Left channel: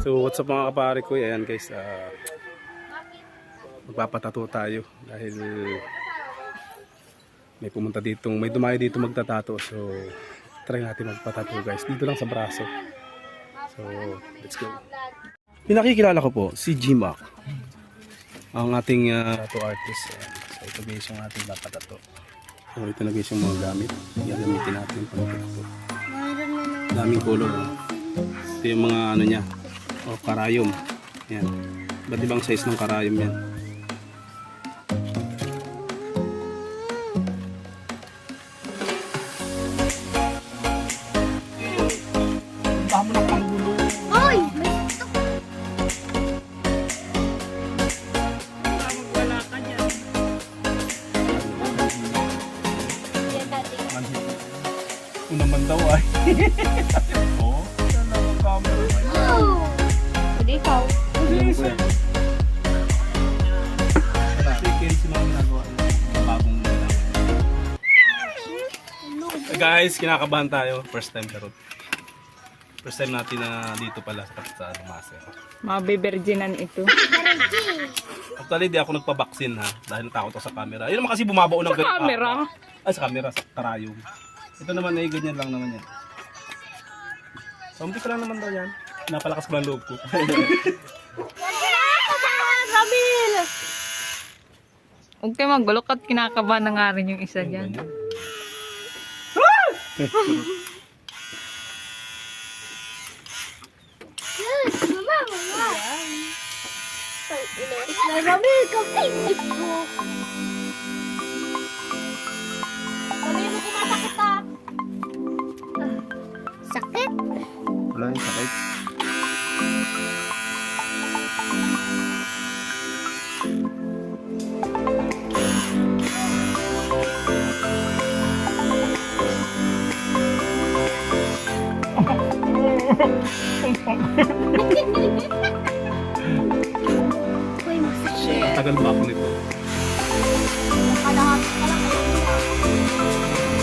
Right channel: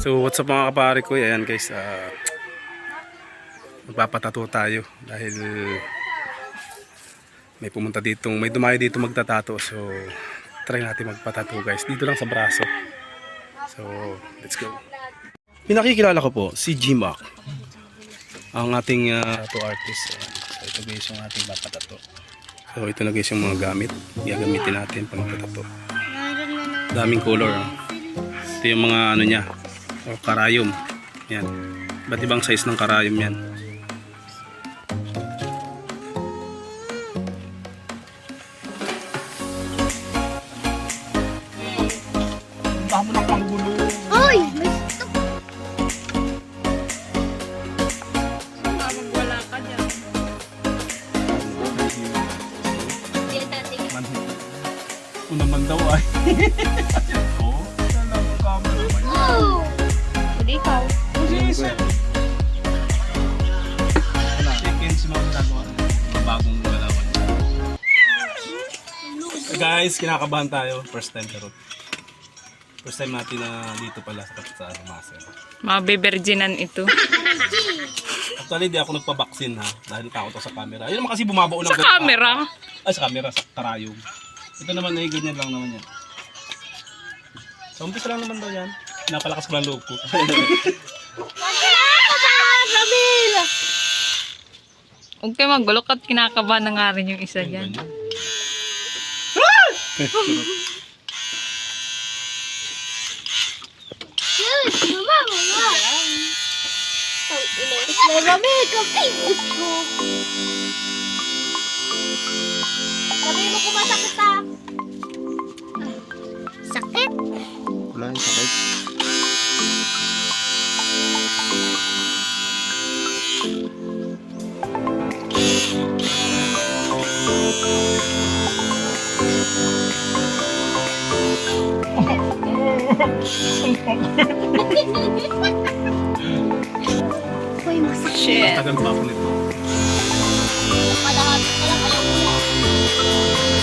So what's up mga kapare ko, ayan guys, magpapatato tayo dahil may pumunta dito, may dumayo dito magtatato. So try natin magpatato guys, dito lang sa braso. So let's go. Pinakikilala ko po si G-Mac, ang ating tattoo artist. Ayan. So ito guys yung ating papatato. So ito na guys yung mga gamit, gagamitin natin pag magtatato. Daming color. Ito yung mga ano niya, o karayom. Yan. Iba't ibang size ng karayom yan. Damo ng panggulo. Hoy! Wala ka dyan. Kung naman daw ay. Oo. Saan lang ang camera man? Hindi ikaw. Chicken si mga ginagawa niya. Mga bagong galawan niya. Guys, kinakabahan tayo. First time karot. First time natin na dito pala sa Maser. Mga beberginan ito. Actually, di ako nagpa-vaccine ha. Dahil takot ako sa camera. Ayun naman kasi bumabao ng Sa camera? Ay, sa camera. Sa karayom. Ito naman ay ganyan lang naman yan. So, umpisa lang naman daw yan. Napalakas ko lang loob ko. Huwag kayo magulo at kinakabahan na nga rin yung isa dyan. Nagamit ang Facebook mo. Sabihin mo kung masakit ka. Sakit? Wala yung sakit. Uy, masakit. Shit. Tagal ba ako nito? Kalahati ka lang ayaw ko lang. Umiiyak na yan.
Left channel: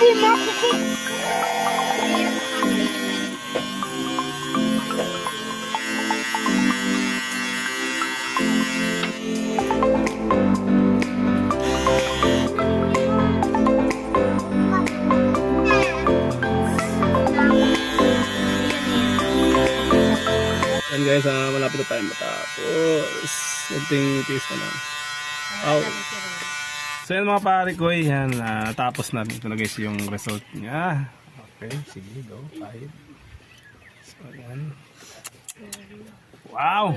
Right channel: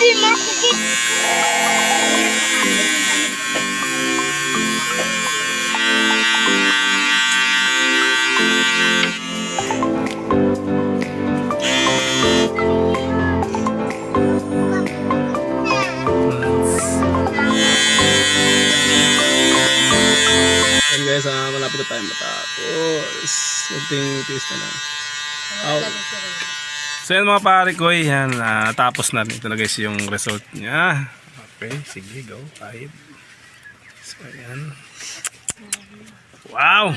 Di masakit. Ayan guys, malapit na tayo matapos. Kunting tiis na lang. So yan mga pare ko, yan, natapos na. Ito na guys yung result niya. Okay, sige, go. Kahit. So yan. Wow!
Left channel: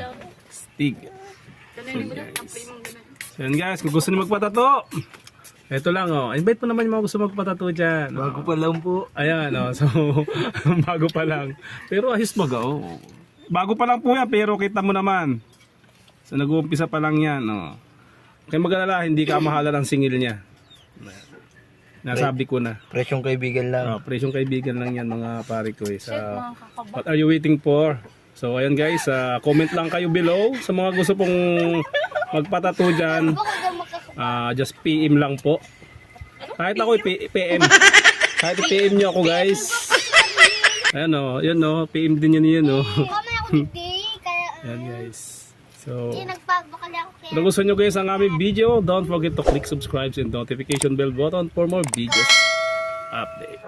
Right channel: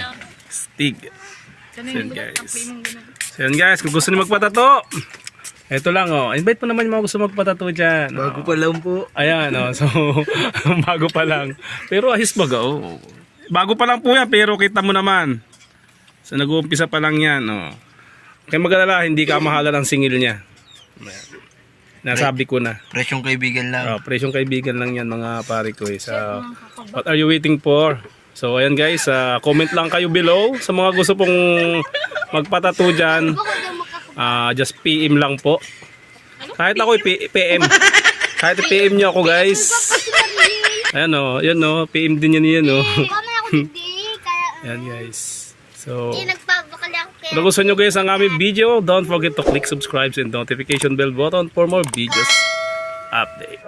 Stig. So yan guys. So yan guys, kung gusto niyo magpatato, ito lang oh. Invite mo naman yung mga gusto magpatato dyan. Bago pa lang po. Ayan oh. So, bago pa lang. Pero ahis baga oh. Bago pa lang po yan, pero kita mo naman. So nag-uumpisa pa lang yan oh. Kaya mag-alala, hindi ka mahala ng singil niya. Nasabi ko na. Presyong kaibigan lang. Presyong kaibigan lang yan mga pare ko. What are you waiting for? So ayan guys, comment lang kayo below sa mga gusto pong magpatato dyan. Just PM lang po. Kahit ako PM. Kahit PM nyo ako guys. Ayan o, yan o, PM din yan yan o. Kami ako hindi. Kaya Ayan guys. So, hindi nagpag Kung gusto nyo guys ang aming video, don't forget to click subscribe and notification bell button for more videos update.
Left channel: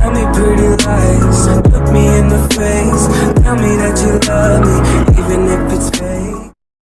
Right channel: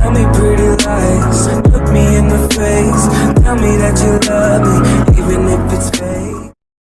Tell me pretty lies, look me in the face. Tell me that you love me, even if it's fake.